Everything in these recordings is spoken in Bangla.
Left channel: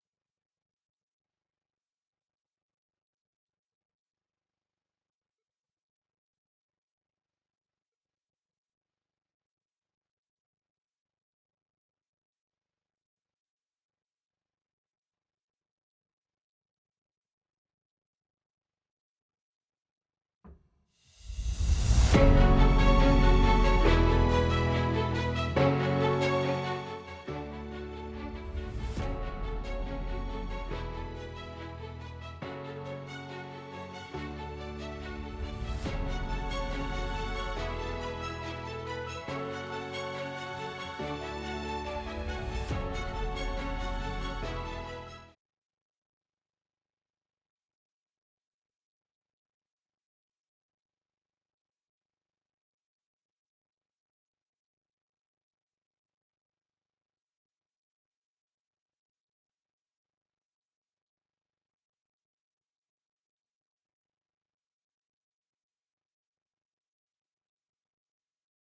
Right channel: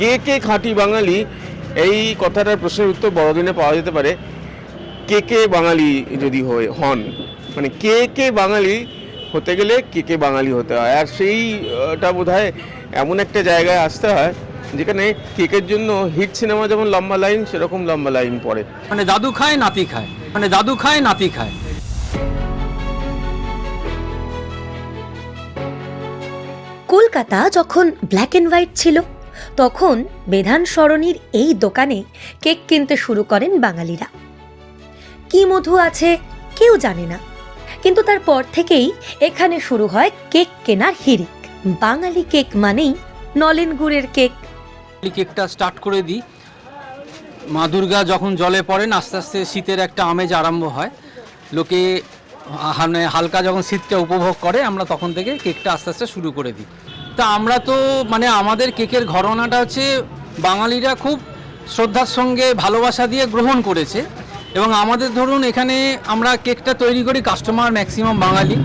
কে কে খাঁটি বাঙালি, এই কথাটার প্রশ্নের উত্তর বড়দিনে পাওয়া যেতে পারে। কে কে বাঙালি যদি হন, মানে কে কে বাঙালি হতে গেলে কে কে বাঙালি হতে হয়, আর সেইটা বোধহয় এমন একটা জায়গায় আসতে হয় যেখানে কেকের জন্য হিট সিনেমা যেমন লম্বা লাইন, সেরকম লম্বা লাইন পড়ে। মানে দাদু খায় নাতি খায়, মানে দাদু খায় নাতি খায়। কলকাতা যখন ব্ল্যাক অ্যান্ড হোয়াইট ছিল, তখন বেধান সরণির এই দোকানে কেক কিনতে শুরু করেন বাঙালিরা। কি মধু আছে কেউ জানে না, কিন্তু তারপর থেকেই এখানে শুরু হয় কেক কেনার হিড়িক। বাঙালি কেক মানেই নলেন গুড়ের কেক। এই কেকটা স্টার্ট করে দিই, মা দুর্গা যখন জলে পড়েন আস্তে আস্তে শীতের একটা আমেজ আরম্ভ হয়, লোকে মানে হালকা যখন শীতটা উপভোগ করে, আমরা তখন থেকে কেকটা আস্তে আস্তে শুরু করে দিই। তা আমরা তো মানে আমাদের কেকের ঘরানাটা হচ্ছে বাঙালিরা খুব শ্রদ্ধার সঙ্গে ভালোবাসা দিয়ে গ্রহণ করেছে, এবং আমাদের ধরুন এখানে আমরা কেকটা তৈরি করি, কাস্টমার ম্যাক্সিমাম বাঙালি,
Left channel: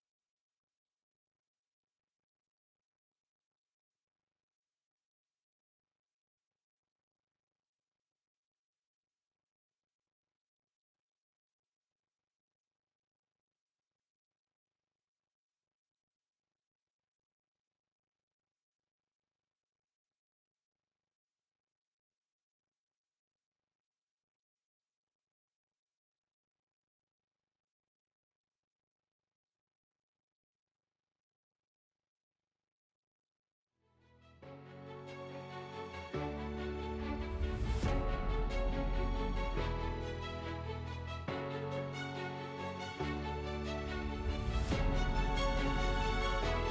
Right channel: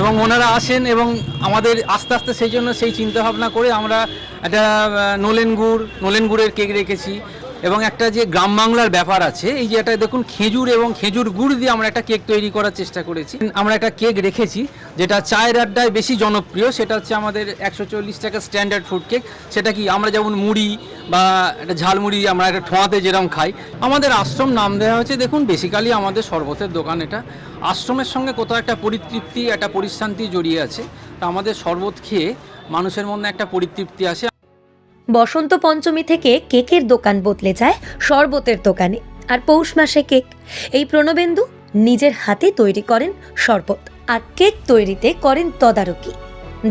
এবং ওনারা আসেন এবং আমাদের আস্তে আস্তে সেই জন্য সেই চিন্তাভাবনা করে আমরা একটা নলেন গুড়ের কেক রেখেছি। এবং একটা যে গ্রাম বাংলার ব্যাপার আছে, এই যে এটা দেখুন খেজুর এবং খেজুর গুড় দিয়ে আমরা একটা কেক তৈরি করার চেষ্টা করেছি। আমরা একটা কেক রেখেছি যেটা চায়ের আড্ডায় বেশি জনপ্রিয়, সেটা হচ্ছে আমাদের 140 টাকা স্ট্যান্ডার্ড ফুড কেক। সেটা কি আমরা যেমন মুড়ি বা একটা ঝালমুড়ি আমরা একটা ঠোঁয়াতে যেরকম খাই, আমাদের আশ্রম নাম দেওয়া হয়েছে। দেখুন বেসিক্যালি আমাদের শরবতের দোকান, এটা আশ্রমের সঙ্গে কোথাও একটা পরিতৃপ্তি, একটা পরিশান্তি জড়িয়ে আছে। তা আমাদের শরবত খেয়ে মানুষের মধ্যে একটা পরিতৃপ্তি আসে। বসন্ত পঞ্চমী থেকে কেকের দোকান বদলে যায় শরবতের দোকানে, আর পৌষ মাসে কেক। এই প্রণবেন্দু নিজের হাতে তৈরি করেন শরবত, আর কেক তৈরিতে করেন তদারকি।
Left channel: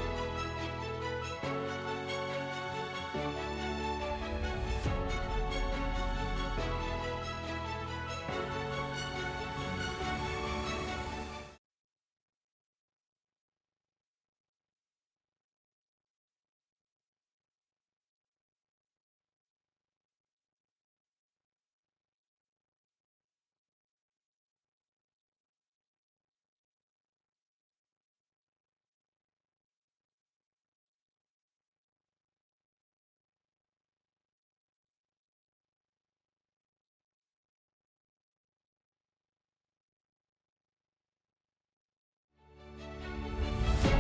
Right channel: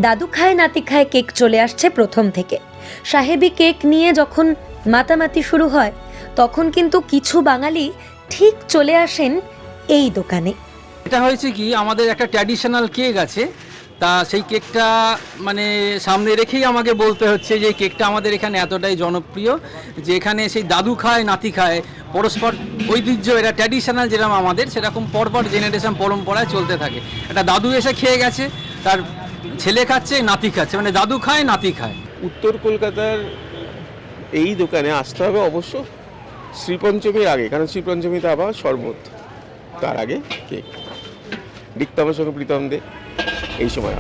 দাদু খায় নাতি খায় কেক চলে আসছে প্রথম থেকে। সাহেবি কেক নিয়ে যখন মাতামাতি শুরু হয়, তখন কিন্তু কিছু বাঙালি ঠিক চলে আসেন এই দোকানে। এটা হয়েছে কি, আমাদের একটা ট্র্যাডিশনাল কেক আছে, তা সেই কেকটা মানে সামনে রেখেই আমাকে বলতে হচ্ছে যে এই কেকটা আমাদের এখানে এতটাই জনপ্রিয় যে এখানে সেই দাদু খায় নাতি খায়, পরস্পর ঐতিহ্য, এটা ট্র্যাডিশনাল যেরকম আমাদের, সেরকম পরপর জেনারেশন পরম্পরায় চলতে থাকে। একটা দাদু এসে খেয়ে গেছে, তার ছেলে খাচ্ছে, নাতি খাচ্ছে, মানে দাদু খায় নাতি খায়। উত্তর কলকাতার এই দোকানে আসতে হবে অবশ্য শ্রীপঞ্চমীর আগে, কারণ শ্রীপঞ্চমীতে আবার শরবত, তার আগে কেক। রিক্তমের সঙ্গে প্রীতম দে এই সময়।